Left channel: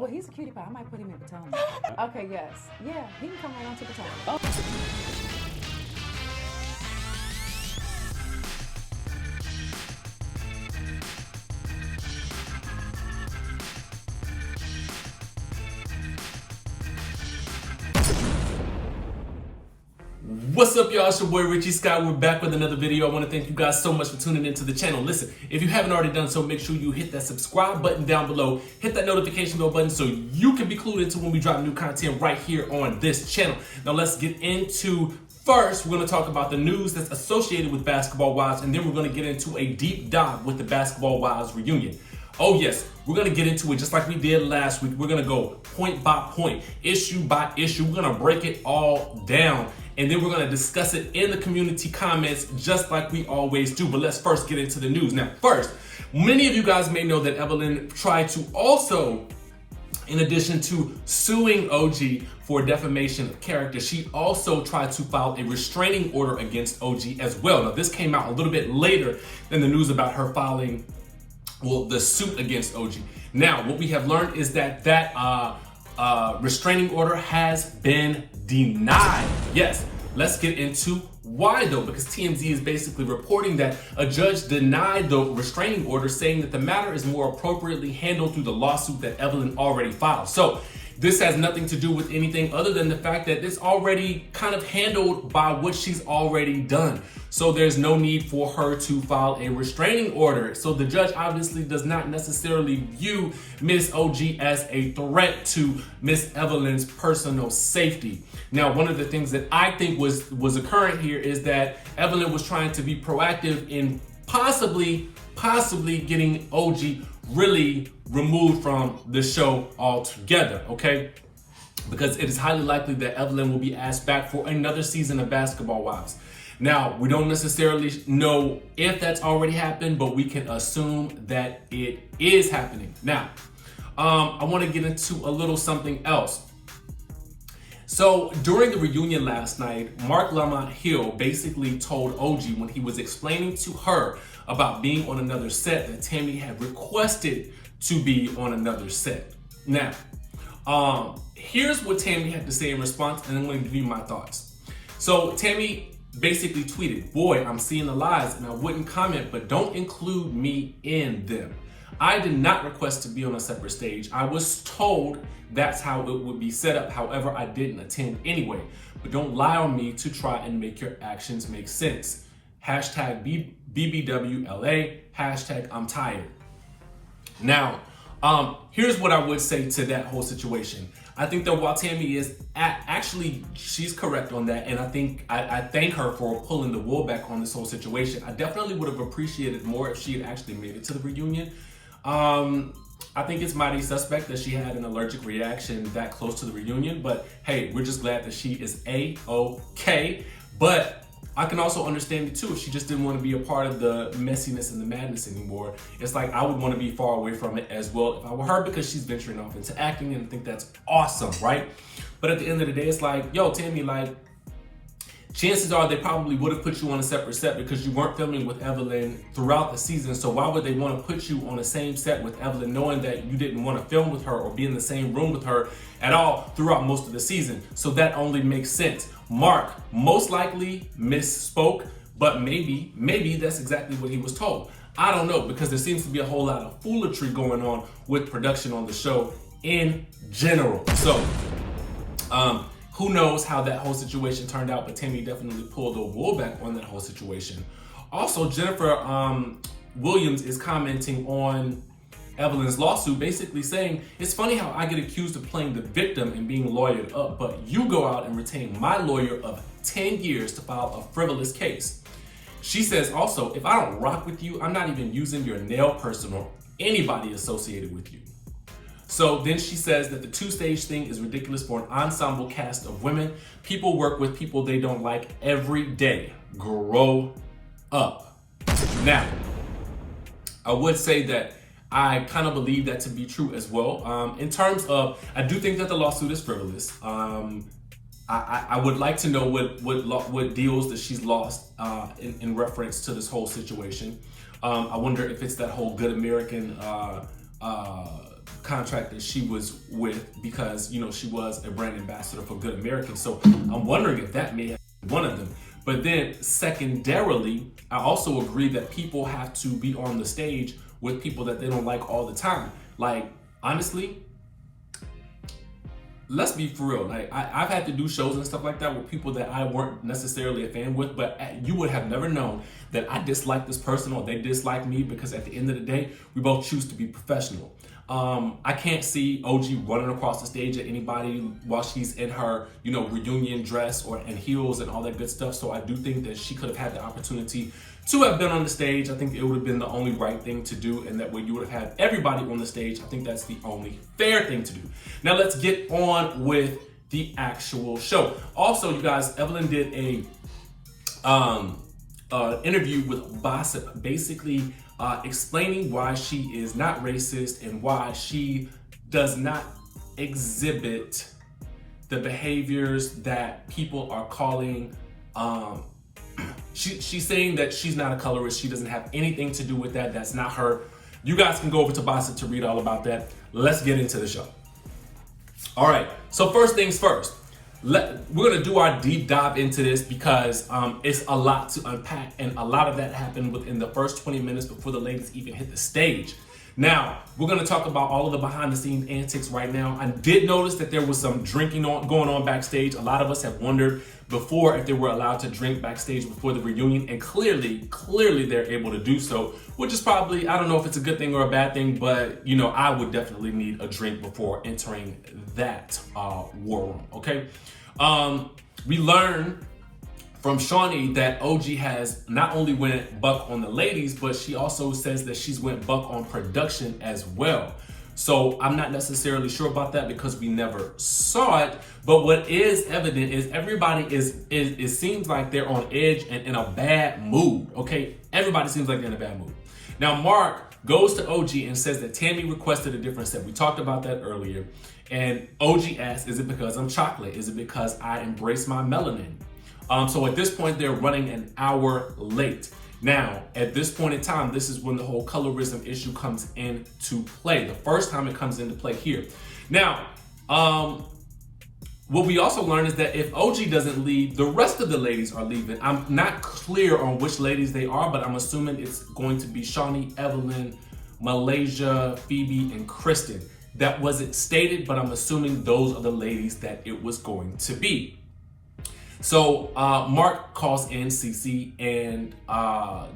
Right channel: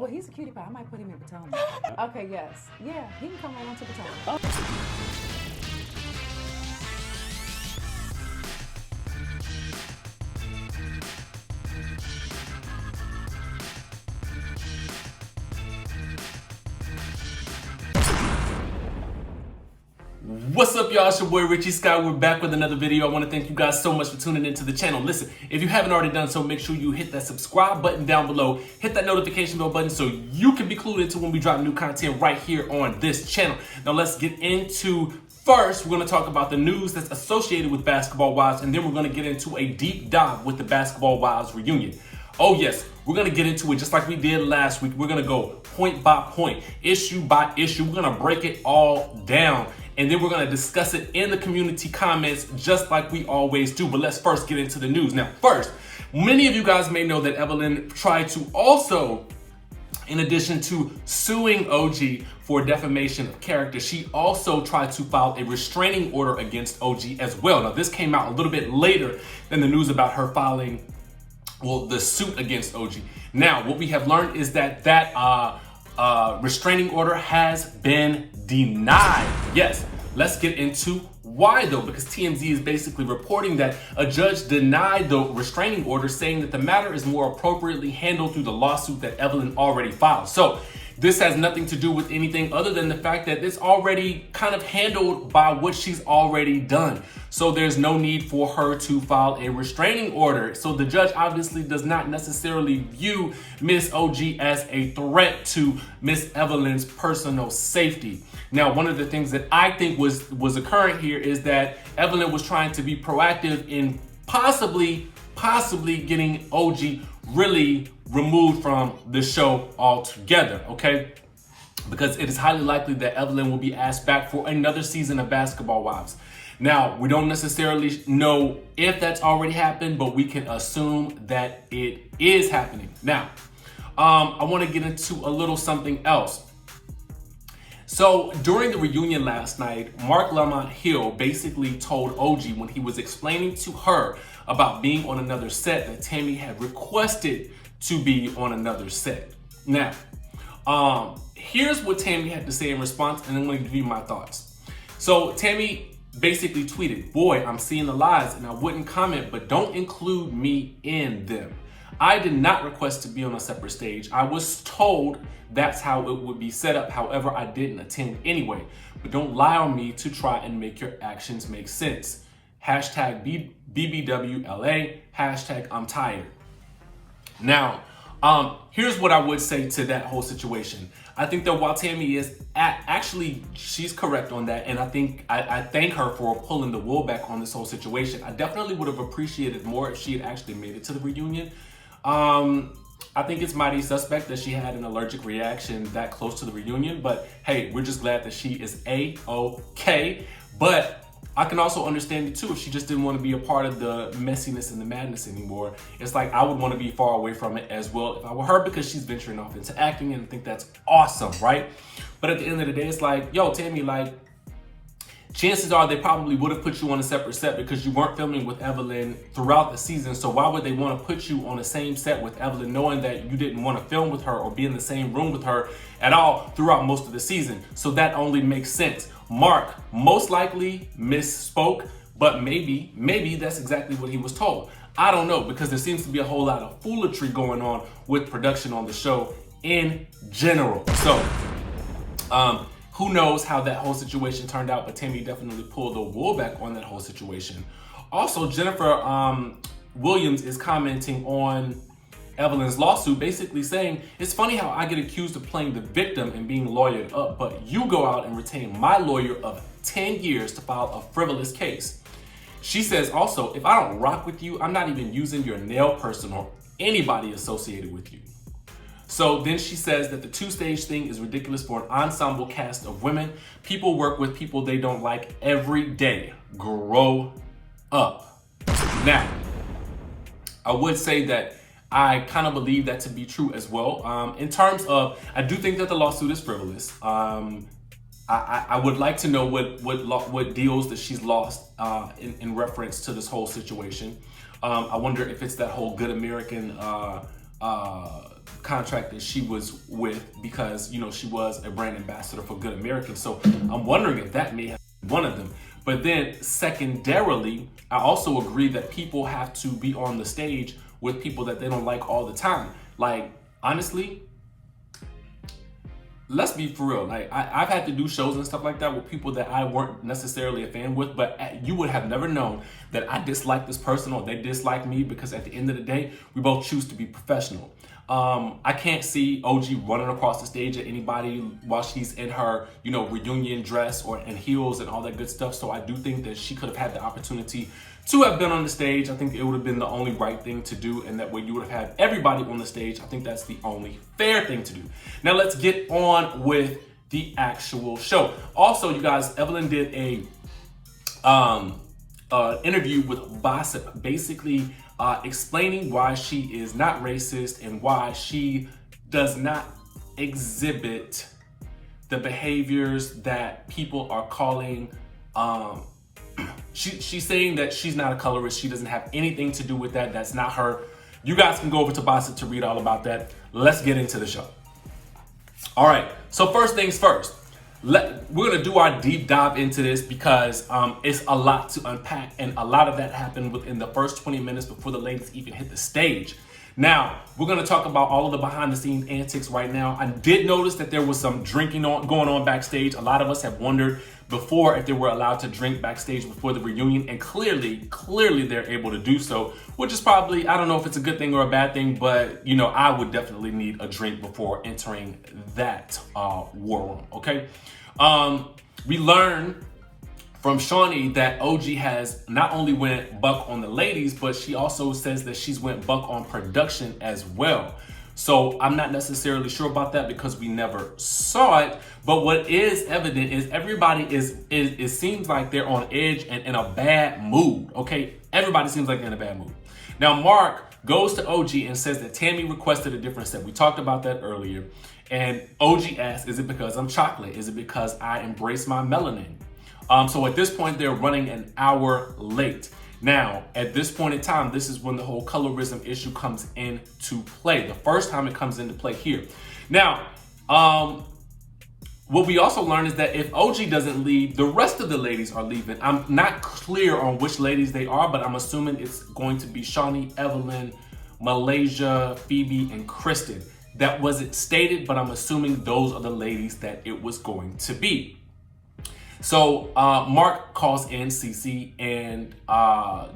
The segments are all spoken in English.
Well, he's a cutie pie. I might put him in Potomac. Okay, yes. Yeah, he can come right on to Potomac. What's up, y'all? It's your boy Richie Scott. We're back with another video. I want to thank you guys so much for tuning into the channel. Listen, if you haven't already done so, make sure you hit that subscribe button down below. Hit that notification bell button so you can be clued into when we drop new content right here on this channel. Now let's get into, first, we're going to talk about the news that's associated with Basketball Wives, and then we're going to get into a deep dive with the Basketball Wives reunion. Oh yes, we're going to get into it just like we did last week. We're going to go point by point, issue by issue. We're going to break it all down. And then we're going to discuss it in the community comments just like we always do. But let's first get into the news. Now, first, many of you guys may know that Evelyn tried to also, in addition to suing OG for defamation of character, she also tried to file a restraining order against OG as well. Now, this came out a little bit later than the news about her filing, well, the suit against OG. Now, what we have learned is that restraining order has been denied. Yes, let's get into why though, because TMZ is basically reporting that a judge denied the restraining order, saying that the matter is more appropriately handled through the lawsuit that Evelyn already filed. So this has nothing to do with anything other than the fact that it's already kind of handled by what she's already done. So there's no need for her to file a restraining order. So the judge obviously does not necessarily view Miss OG as a threat to Miss Evelyn's personal safety. Now, one of the things that I think was occurring here is that Evelyn was trying to be proactive in possibly getting OG really removed from the show altogether, okay? Because it is highly likely that Evelyn will be asked back for another season of Basketball Wives. Now, we don't necessarily know if that's already happened, but we can assume that it is happening. Now, I want to get into a little something else. So during the reunion last night, Mark Lamont Hill basically told OG when he was explaining to her about being on another set that Tami had requested to be on another set. Now, here's what Tami had to say in response, and I'm going to give you my thoughts. So Tami basically tweeted, "Boy, I'm seeing the lies and I wouldn't comment, but don't include me in them. I did not request to be on a separate stage. I was told that's how it would be set up. However, I didn't attend anyway. But don't lie on me to try and make your actions make sense. Hashtag BBWLA, hashtag I'm tired." Now, here's what I would say to that whole situation. I think that while Tami is actually, she's correct on that. And I think I thank her for pulling the wool back on this whole situation. I definitely would have appreciated more if she had actually made it to the reunion. I think it's mighty suspect that she had an allergic reaction that close to the reunion, but hey, we're just glad that she is A-OK. But I can also understand it too if she just didn't want to be a part of the messiness and the madness anymore. It's like I would want to be far away from it as well if I were her, because she's venturing off into acting and I think that's awesome, right? But at the end of the day, it's like, yo, Tami, like, chances are they probably would have put you on a separate set because you weren't filming with Evelyn throughout the season. So why would they want to put you on the same set with Evelyn knowing that you didn't want to film with her or be in the same room with her at all throughout most of the season? So that only makes sense. Mark most likely misspoke, but maybe that's exactly what he was told. I don't know, because there seems to be a whole lot of foolery going on with production on the show in general. So, who knows how that whole situation turned out, but Tami definitely pulled the wool back on that whole situation. Also, Jennifer Williams is commenting on Evelyn's lawsuit, basically saying, "It's funny how I get accused of playing the victim and being lawyered up, but you go out and retain my lawyer of 10 years to file a frivolous case." She says also, "If I don't rock with you, I'm not even using your nail person or anybody associated with you." So then she says that the two-stage thing is ridiculous for an ensemble cast of women. People work with people they don't like every day. Grow up. Now, I would say that I kind of believe that to be true as well. In terms of, I do think that the lawsuit is frivolous. I would like to know what deals that she's lost in reference to this whole situation. I wonder if it's that whole Good American contract that she was with because, you know, she was a brand ambassador for Good American. So I'm wondering if that may have been one of them. But then secondarily, I also agree that people have to be on the stage with people that they don't like all the time. Like, honestly, let's be for real. Like, I've had to do shows and stuff like that with people that I weren't necessarily a fan with, but you would have never known that I dislike this person or they dislike me, because at the end of the day, we both choose to be professional. I can't see OG running across the stage at anybody while she's in her, you know, reunion dress and heels and all that good stuff. So I do think that she could have had the opportunity to have been on the stage. I think it would have been the only right thing to do, and that way you would have had everybody on the stage. I think that's the only fair thing to do. Now let's get on with the actual show. Also, you guys, Evelyn did a interview with Gossip, basically explaining why she is not racist and why she does not exhibit the behaviors that people are calling she's saying that she's not a colorist. She doesn't have anything to do with that. That's not her. You guys can go over to Gossip to read all about that. Let's get into the show. All right, so first things first. We're gonna do our deep dive into this because it's a lot to unpack, and a lot of that happened within the first 20 minutes before the ladies even hit the stage. Now, we're gonna talk about all of the behind the scenes antics right now. I did notice that there was some drinking going on backstage. A lot of us have wondered before if they were allowed to drink backstage before the reunion, and clearly they're able to do so, which is probably, I don't know if it's a good thing or a bad thing, but you know, I would definitely need a drink before entering that war room, okay? We learned from Shawnee that OG has not only went buck on the ladies, but she also says that she's went buck on production as well. So I'm not necessarily sure about that because we never saw it. But what is evident is everybody it seems like they're on edge and in a bad mood, okay? Everybody seems like they're in a bad mood. Now, Mark goes to OG and says that Tami requested a different set. We talked about that earlier. And OG asks, is it because I'm chocolate? Is it because I embrace my melanin? So at this point, they're running an hour late. Now, at this point in time, this is when the whole colorism issue comes into play. The first time it comes into play here. Now, what we also learned is that if OG doesn't leave, the rest of the ladies are leaving. I'm not clear on which ladies they are, but I'm assuming it's going to be Shawnee, Evelyn, Malaysia, Phoebe, and Kristen. That wasn't stated, but I'm assuming those are the ladies that it was going to be. So Mark calls in Cece and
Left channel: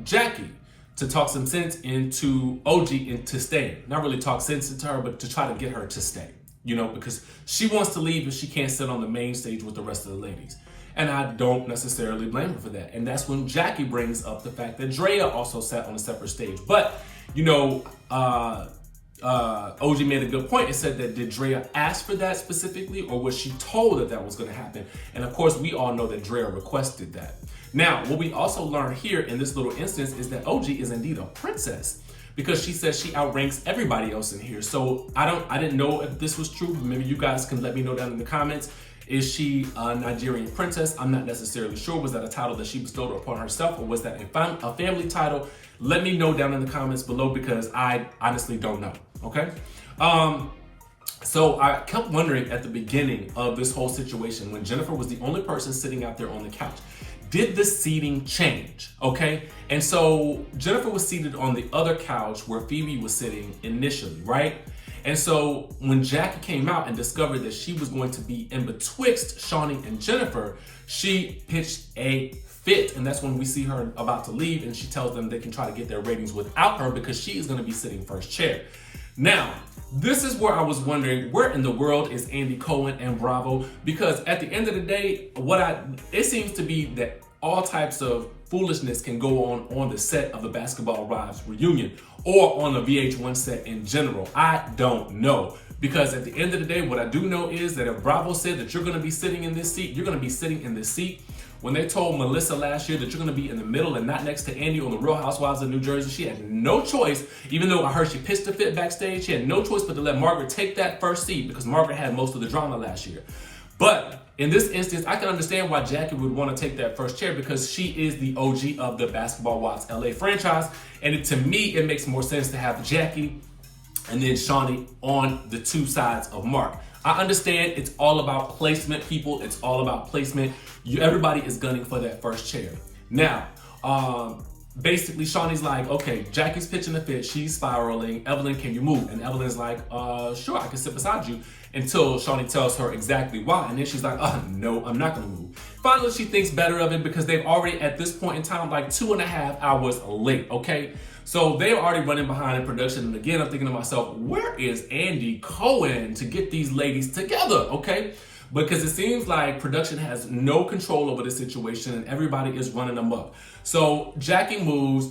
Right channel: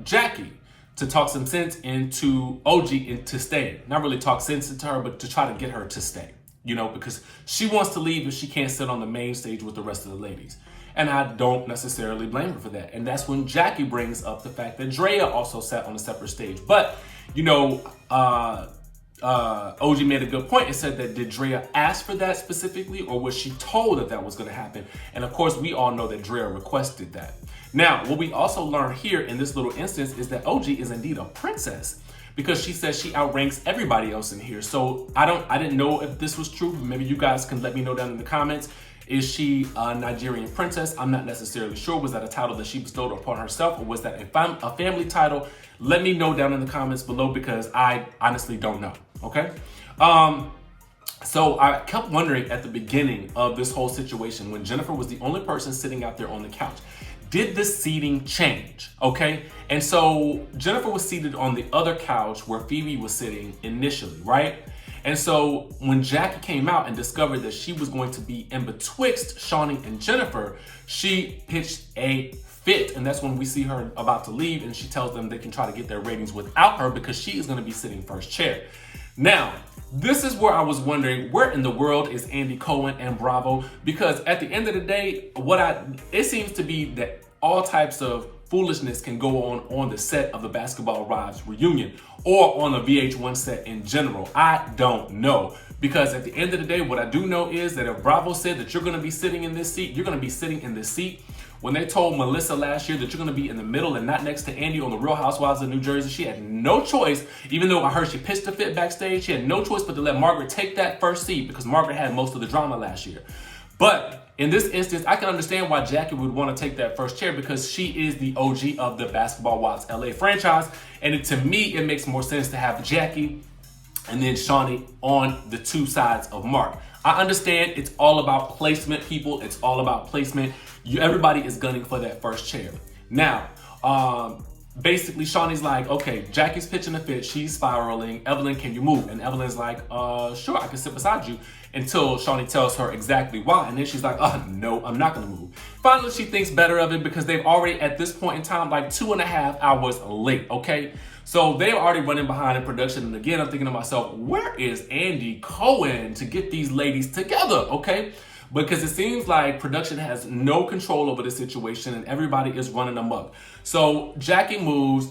Jackie to talk some sense into OG into staying. Not really talk sense into her, but to try to get her to stay. You know, because she wants to leave and she can't sit on the main stage with the rest of the ladies. And I don't necessarily blame her for that. And that's when Jackie brings up the fact that Drea also sat on a separate stage. But, you know, OG made a good point and said that did Drea ask for that specifically, or was she told that that was going to happen? And of course, we all know that Drea requested that. Now, what we also learn here in this little instance is that OG is indeed a princess, because she says she outranks everybody else in here. So I didn't know if this was true. Maybe you guys can let me know down in the comments. Is she a Nigerian princess? I'm not necessarily sure. Was that a title that she bestowed upon herself, or was that a family title? Let me know down in the comments below, because I honestly don't know, okay? So I kept wondering at the beginning of this whole situation, when Jennifer was the only person sitting out there on the couch, did the seating change, okay? And so Jennifer was seated on the other couch where Phoebe was sitting initially, right? And so when Jackie came out and discovered that she was going to be in betwixt Shawnee and Jennifer, she pitched a fit. And that's when we see her about to leave, and she tells them they can try to get their ratings without her because she is going to be sitting first chair. Now, this is where I was wondering, where in the world is Andy Cohen and Bravo? Because at the end of the day, it seems to be that all types of foolishness can go on the set of the Basketball Wives reunion or on a VH1 set in general. I don't know. Because at the end of the day, what I do know is that if Bravo said that you're going to be sitting in this seat, you're going to be sitting in this seat. When they told Melissa last year that you're going to be in the middle and not next to Andy on the Real Housewives of New Jersey, she had no choice, even though I heard she pitched a fit backstage, she had no choice but to let Margaret take that first seat because Margaret had most of the drama last year. But in this instance, I can understand why Jackie would want to take that first chair because she is the OG of the Basketball Wives LA franchise. And to me, it makes more sense to have Jackie and then Shawnee on the two sides of Mark. I understand it's all about placement, people. It's all about placement. Everybody is gunning for that first chair. Now, basically Shawnee's like, okay, Jackie's pitching a fit. She's spiraling. Evelyn, can you move? And Evelyn's like, sure, I can sit beside you, until Shawnee tells her exactly why. And then she's like, no, I'm not gonna move. Finally, she thinks better of it because they've already, at this point in time, like 2.5 hours late, okay? So they're already running behind in production. And again, I'm thinking to myself, where is Andy Cohen to get these ladies together, okay? Because it seems like production has no control over the situation and everybody is running amok. So Jackie moves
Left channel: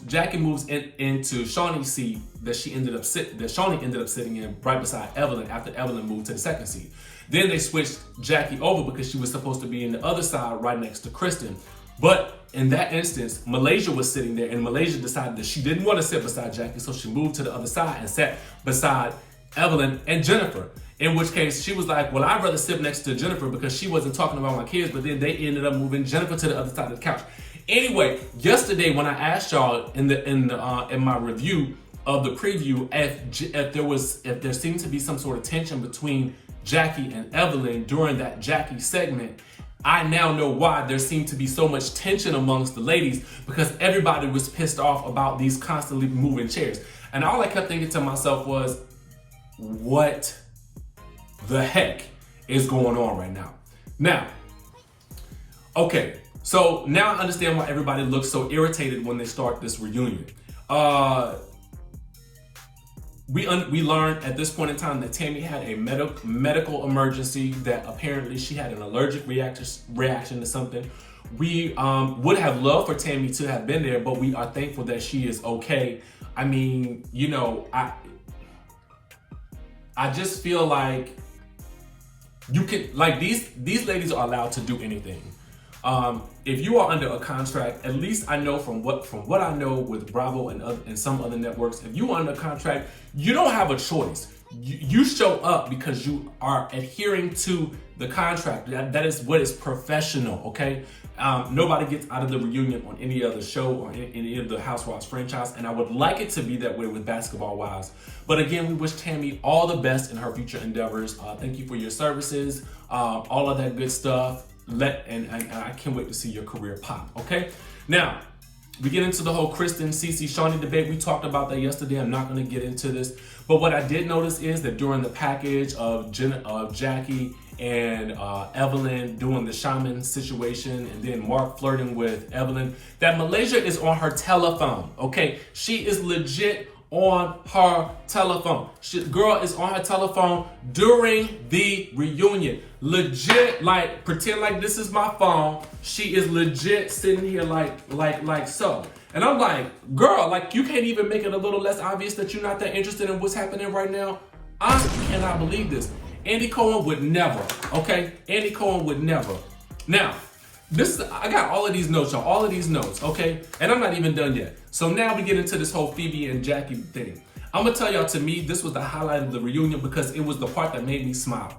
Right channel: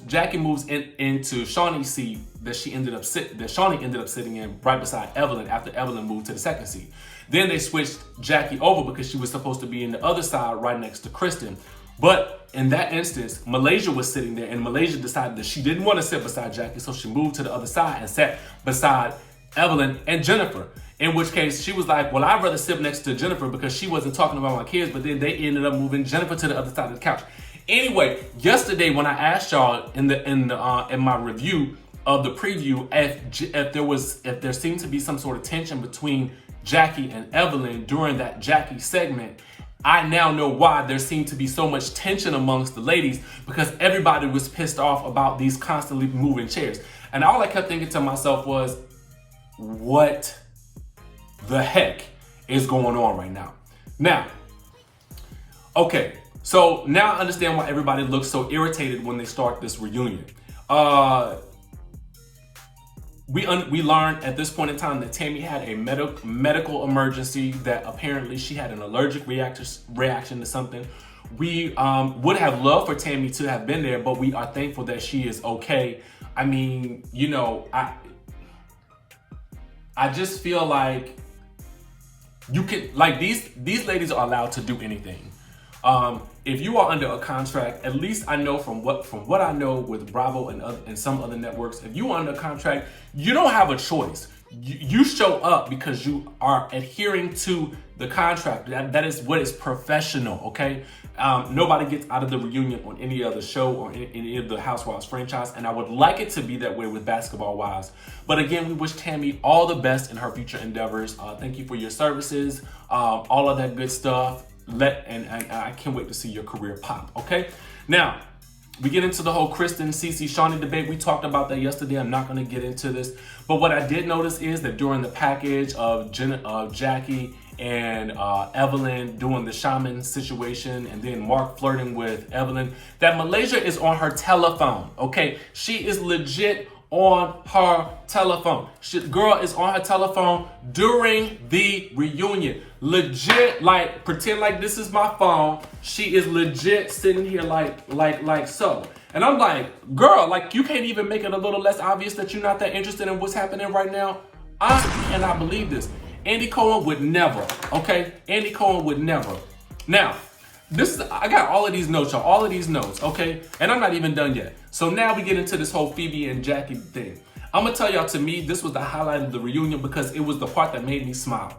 into Shawnee's seat that Shawnee ended up sitting in right beside Evelyn after Evelyn moved to the second seat. Then they switched Jackie over because she was supposed to be in the other side right next to Kristen. But in that instance, Malaysia was sitting there, and Malaysia decided that she didn't want to sit beside Jackie, so she moved to the other side and sat beside Evelyn and Jennifer. In which case, she was like, well, I'd rather sit next to Jennifer because she wasn't talking about my kids, but then they ended up moving Jennifer to the other side of the couch. Anyway, yesterday when I asked y'all in my review of the preview if there seemed to be some sort of tension between Jackie and Evelyn during that Jackie segment, I now know why there seemed to be so much tension amongst the ladies, because everybody was pissed off about these constantly moving chairs. And all I kept thinking to myself was, what the heck is going on right now? Now, okay, so now I understand why everybody looks so irritated when they start this reunion. We learned at this point in time that Tami had a medical emergency, that apparently she had an allergic reaction to something. We would have loved for Tami to have been there, but we are thankful that she is okay. I mean, you know, I just feel like you could, like, these ladies are allowed to do anything. If you are under a contract, at least I know from what I know with Bravo and some other networks, if you are under a contract, you don't have a choice. You show up because you are adhering to the contract. That is what is professional, okay? Nobody gets out of the reunion on any other show or any of the Housewives franchise, and I would like it to be that way with Basketball Wives. But again, we wish Tami all the best in her future endeavors. Thank you for your services, all of that good stuff. And I can't wait to see your career pop, okay? Now, we get into the whole Kristen, Cece, Shawnee debate. We talked about that yesterday. I'm not going to get into this. But what I did notice is that during the package of Jackie and Evelyn doing the shaman situation, and then Mark flirting with Evelyn, that Malaysia is on her telephone, okay? She is legit on her telephone. Girl is on her telephone during the reunion. Legit, like, pretend like this is my phone. She is legit sitting here like so. And I'm like, girl, like, you can't even make it a little less obvious that you're not that interested in what's happening right now? I cannot believe this. Andy Cohen would never, okay? Andy Cohen would never. Now, I got all of these notes, y'all, all of these notes, okay? And I'm not even done yet. So now we get into this whole Phoebe and Jackie thing. I'm gonna tell y'all, to me, this was the highlight of the reunion because it was the part that made me smile.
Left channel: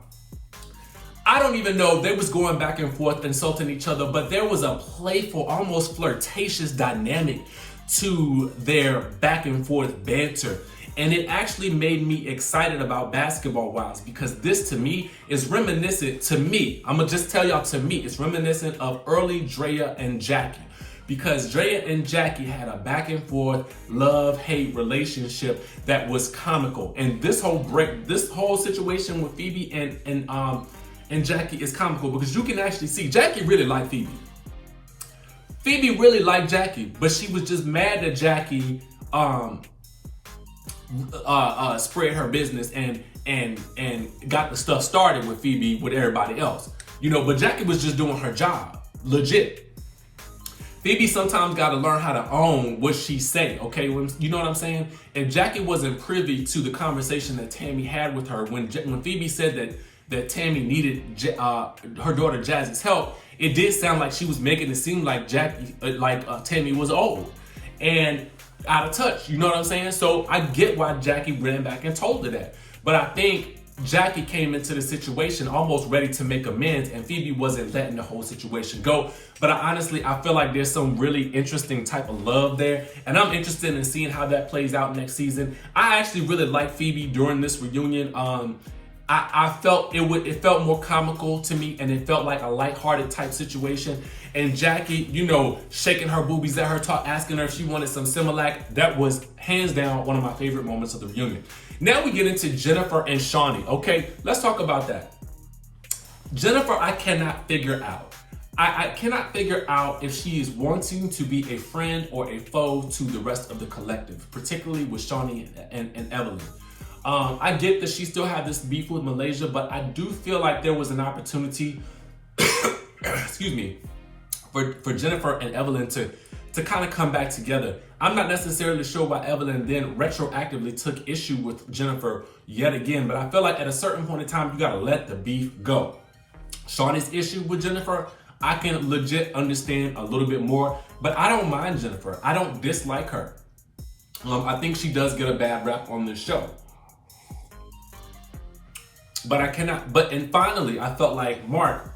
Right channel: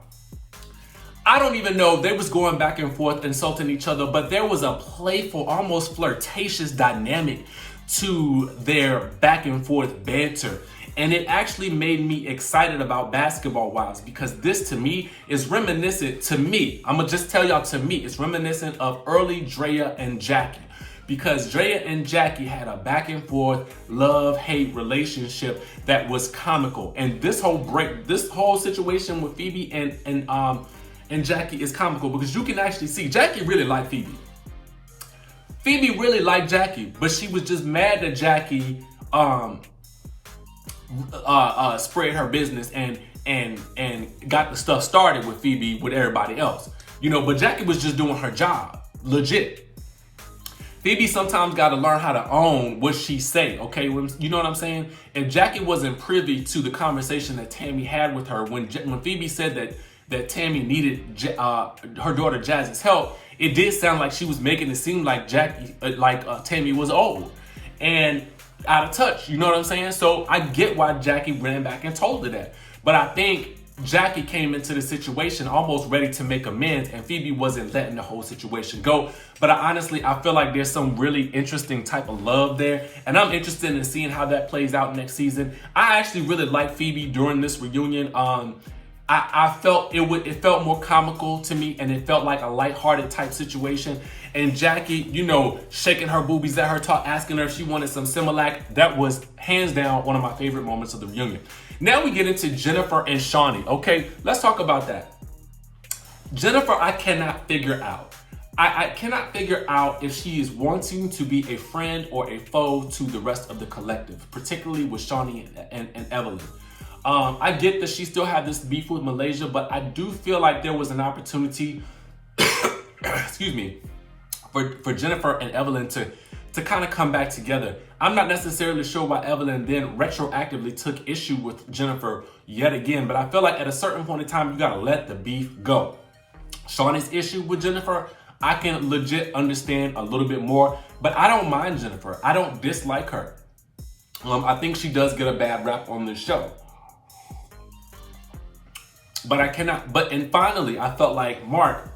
I don't even know, they was going back and forth insulting each other, but there was a playful, almost flirtatious dynamic to their back and forth banter. And it actually made me excited about Basketball Wives, because this to me is reminiscent, to me, I'm gonna just tell y'all, to me, it's reminiscent of early Drea and Jackie. Because Drea and Jackie had a back and forth love-hate relationship that was comical. And this whole situation with Phoebe and Jackie is comical, because you can actually see Jackie really liked Phoebe. Phoebe really liked Jackie, but she was just mad that Jackie spread her business and got the stuff started with Phoebe with everybody else. You know, but Jackie was just doing her job, legit. Phoebe sometimes got to learn how to own what she say, okay? You know what I'm saying? If Jackie wasn't privy to the conversation that Tami had with her, when Phoebe said that Tami needed her daughter Jazz's help, it did sound like she was making it seem like Tami was old and out of touch. You know what I'm saying? So I get why Jackie ran back and told her that. But I think Jackie came into the situation almost ready to make amends, and Phoebe wasn't letting the whole situation go. But I feel like there's some really interesting type of love there, and I'm interested in seeing how that plays out next season. I actually really like Phoebe during this reunion. I felt it felt more comical to me, and it felt like a lighthearted type situation. And Jackie, you know, shaking her boobies at her, asking her if she wanted some Similac. That was hands down one of my favorite moments of the reunion. Now we get into Jennifer and Shawnee. Okay, let's talk about that. Jennifer, I cannot figure out. I cannot figure out if she is wanting to be a friend or a foe to the rest of the collective, particularly with Shawnee and Evelyn. I get that she still had this beef with Malaysia, but I do feel like there was an opportunity, excuse me, for Jennifer and Evelyn to kind of come back together. I'm not necessarily sure why Evelyn then retroactively took issue with Jennifer yet again, but I feel like at a certain point in time, you gotta let the beef go. Shawnee's issue with Jennifer, I can legit understand a little bit more, but I don't mind Jennifer. I don't dislike her. I think she does get a bad rap on this show. And finally, I felt like Mark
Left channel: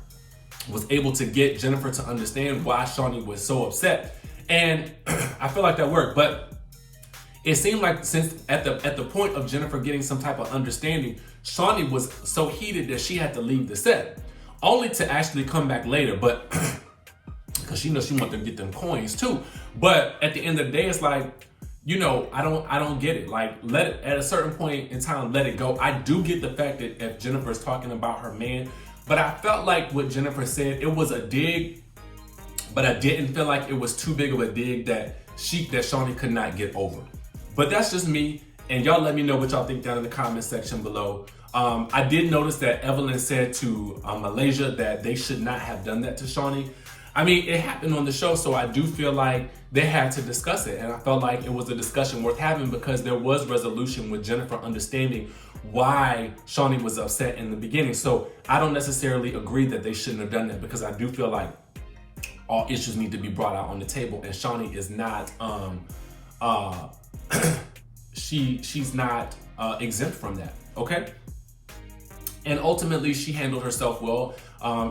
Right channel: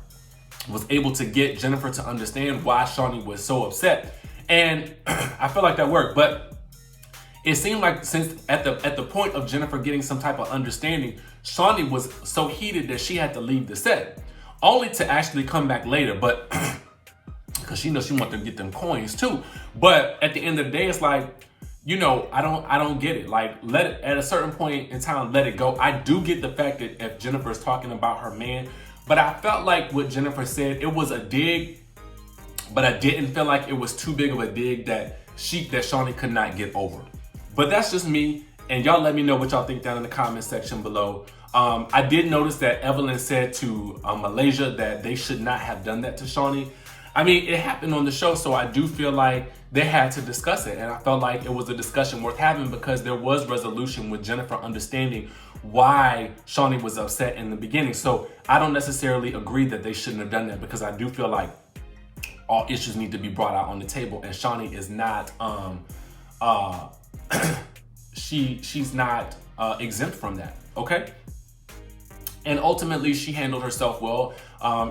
was able to get Jennifer to understand why Shawnee was so upset. And I feel like that worked, but it seemed like since at the point of Jennifer getting some type of understanding, Shawnee was so heated that she had to leave the set, only to actually come back later, but because she knows she wants to get them coins too. But at the end of the day, it's like, you know, I don't get it. Like, let it, at a certain point in time, let it go. I do get the fact that if Jennifer is talking about her man, but I felt like what Jennifer said, it was a dig, but I didn't feel like it was too big of a dig that Shawnee could not get over. But that's just me, and y'all let me know what y'all think down in the comment section below. I did notice that Evelyn said to Malaysia that they should not have done that to Shawnee. I mean, it happened on the show, so I do feel like they had to discuss it, and I felt like it was a discussion worth having because there was resolution with Jennifer understanding why Shawnee was upset in the beginning. So I don't necessarily agree that they shouldn't have done that because I do feel like all issues need to be brought out on the table, and Shawnee is not she's not exempt from that, okay? And ultimately, she handled herself well.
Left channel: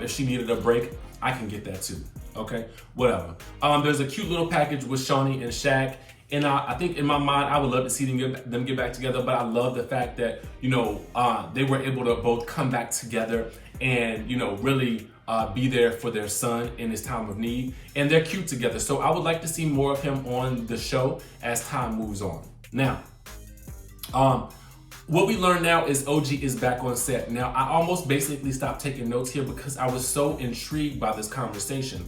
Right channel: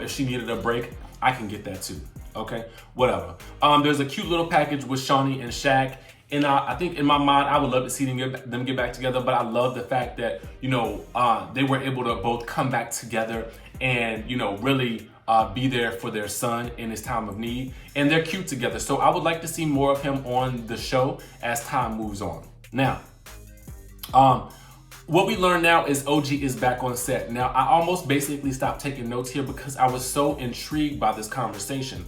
If she needed a break, I can get that too, okay? Whatever. There's a cute little package with Shawnee and Shaq. And I think in my mind, I would love to see them get back together, but I love the fact that, you know, they were able to both come back together and, you know, really be there for their son in his time of need. And they're cute together. So I would like to see more of him on the show as time moves on. Now, what we learn now is OG is back on set. Now, I almost basically stopped taking notes here because I was so intrigued by this conversation.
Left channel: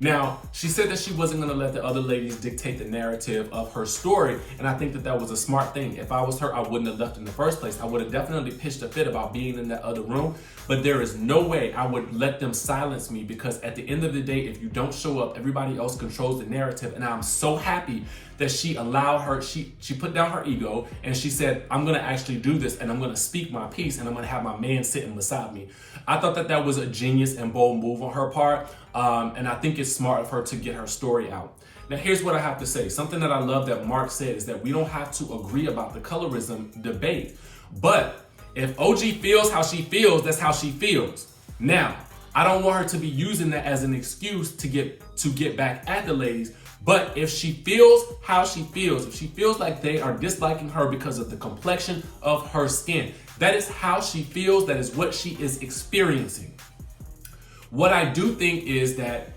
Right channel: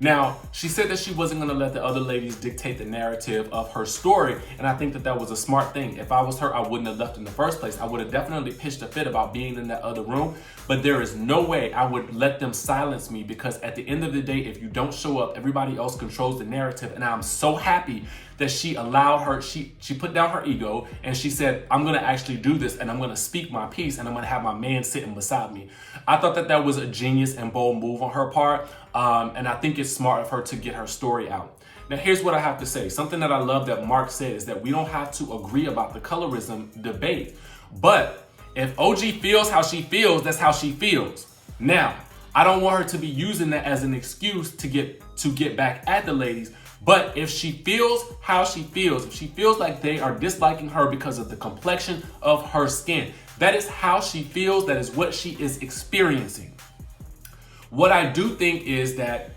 Now, she said that she wasn't gonna let the other ladies dictate the narrative of her story, and I think that that was a smart thing. If I was her, I wouldn't have left in the first place. I would have definitely pitched a fit about being in that other room, but there is no way I would let them silence me because at the end of the day, if you don't show up, everybody else controls the narrative, and I'm so happy that she allowed her, she put down her ego, and she said, I'm gonna actually do this, and I'm gonna speak my piece, and I'm gonna have my man sitting beside me. I thought that that was a genius and bold move on her part, and I think it's smart of her to get her story out. Now, here's what I have to say. Something that I love that Mark said is that we don't have to agree about the colorism debate, but if OG feels how she feels, that's how she feels. Now, I don't want her to be using that as an excuse to get back at the ladies, but if she feels how she feels, if she feels like they are disliking her because of the complexion of her skin, that is how she feels, that is what she is experiencing. What I do think is that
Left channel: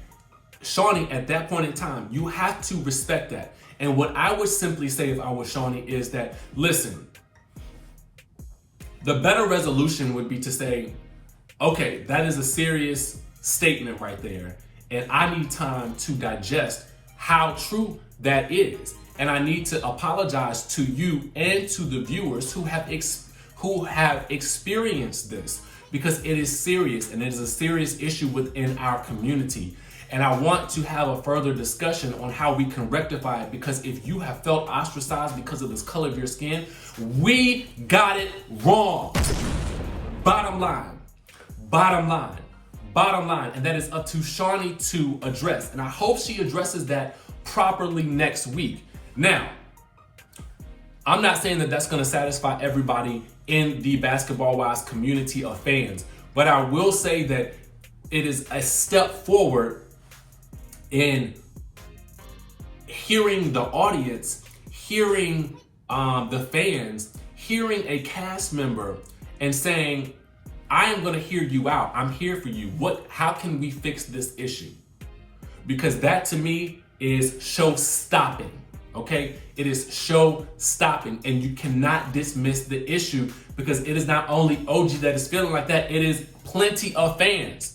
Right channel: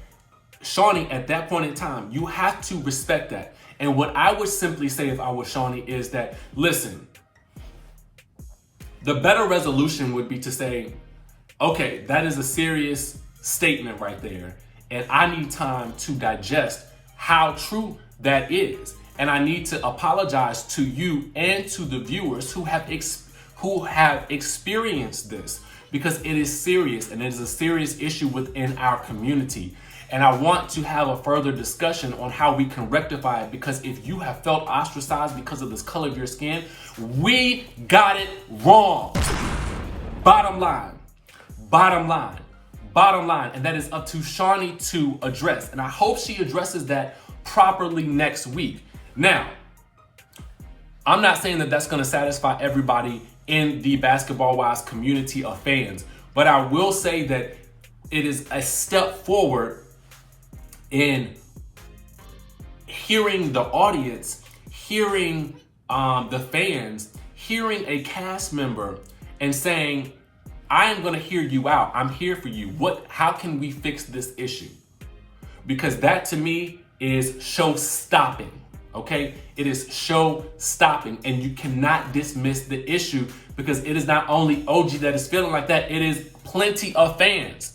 Shawnee, at that point in time, you have to respect that. And what I would simply say if I was Shawnee is that, listen, the better resolution would be to say, okay, that is a serious statement right there, and I need time to digest how true that is. And I need to apologize to you and to the viewers who have experienced this, because it is serious and it is a serious issue within our community. And I want to have a further discussion on how we can rectify it, because if you have felt ostracized because of this color of your skin, we got it wrong. Bottom line, bottom line, bottom line. And that is up to Shawnee to address. And I hope she addresses that properly next week. Now, I'm not saying that that's going to satisfy everybody in the Basketball Wives community of fans. But I will say that it is a step forward in hearing the audience, hearing the fans, hearing a cast member and saying, I am gonna hear you out. I'm here for you. How can we fix this issue? Because that to me is show stopping, okay? It is show stopping, and you cannot dismiss the issue because it is not only OG that is feeling like that, it is plenty of fans.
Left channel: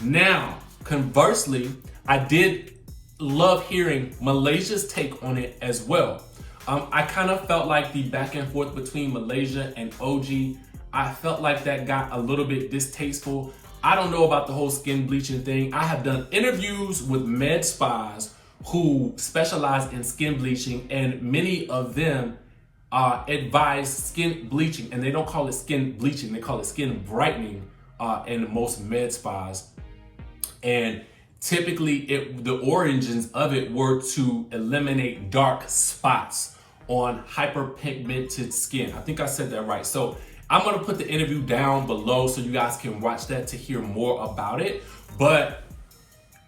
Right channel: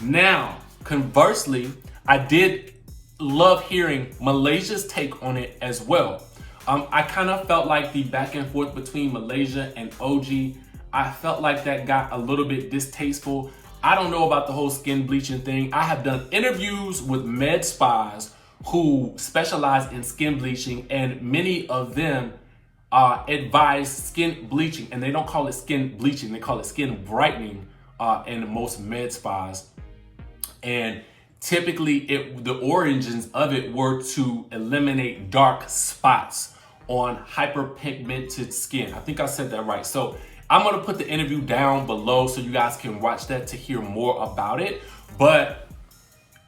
Now, conversely, I did love hearing Malaysia's take on it as well. I kind of felt like the back and forth between Malaysia and OG, I felt like that got a little bit distasteful. I don't know about the whole skin bleaching thing. I have done interviews with med spas who specialize in skin bleaching, and many of them advise skin bleaching, and they don't call it skin bleaching, they call it skin brightening in most med spas. And typically the origins of it were to eliminate dark spots on hyperpigmented skin. I think I said that right. So I'm gonna put the interview down below so you guys can watch that to hear more about it. But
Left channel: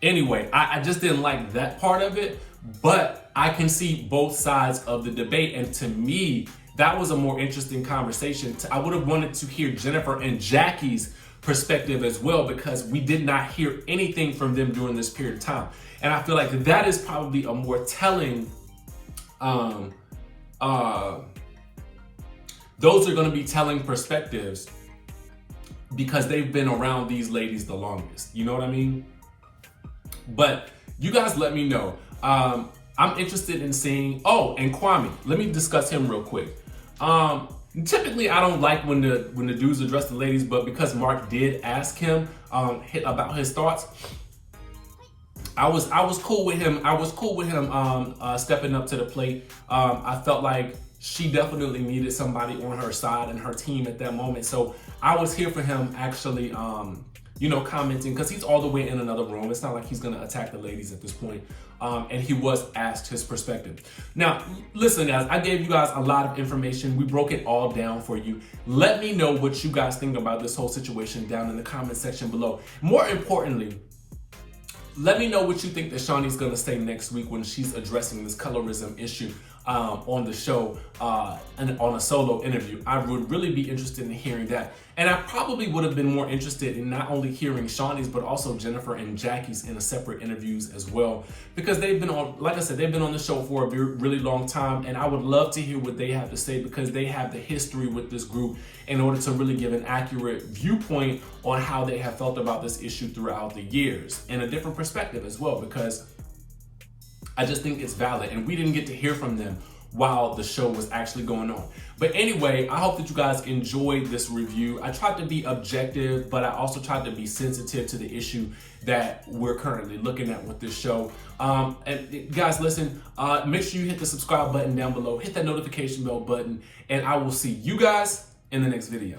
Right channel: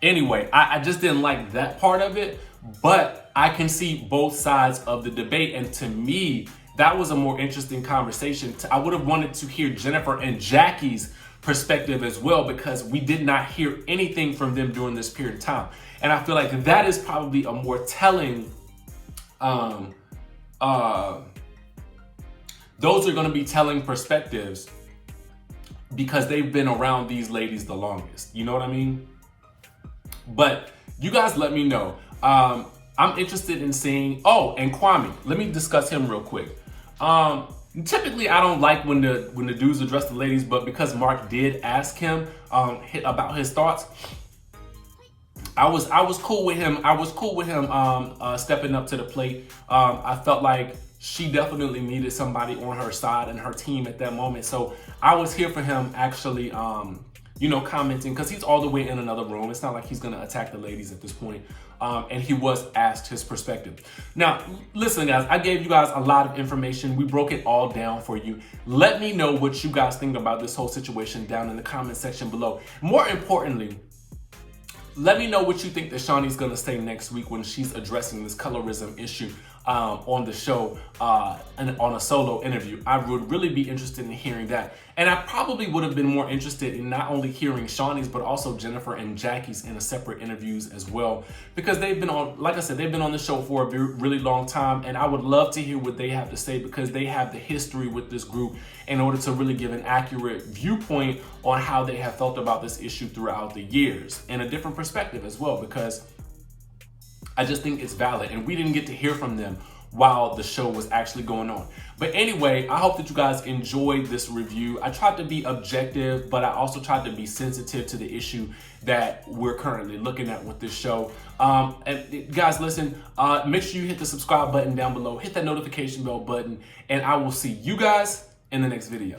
anyway, I just didn't like that part of it, but I can see both sides of the debate. And to me, that was a more interesting conversation. I would have wanted to hear Jennifer and Jackie's perspective as well, because we did not hear anything from them during this period of time. And I feel like that is probably a more telling, those are going to be telling perspectives because they've been around these ladies the longest. You know what I mean? But you guys let me know. I'm interested in seeing, and Kwame, let me discuss him real quick. Typically, I don't like when the dudes address the ladies, but because Mark did ask him about his thoughts, I was cool with him. I was cool with him stepping up to the plate. I felt like she definitely needed somebody on her side and her team at that moment. So I was here for him actually, commenting, because he's all the way in another room. It's not like he's gonna attack the ladies at this point. And he was asked his perspective. Now, listen guys, I gave you guys a lot of information. We broke it all down for you. Let me know what you guys think about this whole situation down in the comment section below. More importantly, let me know what you think that Shawnee's gonna say next week when she's addressing this colorism issue on the show and on a solo interview. I would really be interested in hearing that. And I probably would have been more interested in not only hearing Shawnee's, but also Jennifer and Jackie's in a separate interviews as well, because they've been on, like I said, they've been on the show for a really long time, and I would love to hear what they have to say because they have the history with this group in order to really give an accurate viewpoint on how they have felt about this issue throughout the years and a different perspective as well, because I just think it's valid, and we didn't get to hear from them while the show was actually going on. But anyway, I hope that you guys enjoyed this review. I tried to be objective, but I also tried to be sensitive to the issue that we're currently looking at with this show. And guys, listen, make sure you hit the subscribe button down below, hit that notification bell button, and I will see you guys in the next video.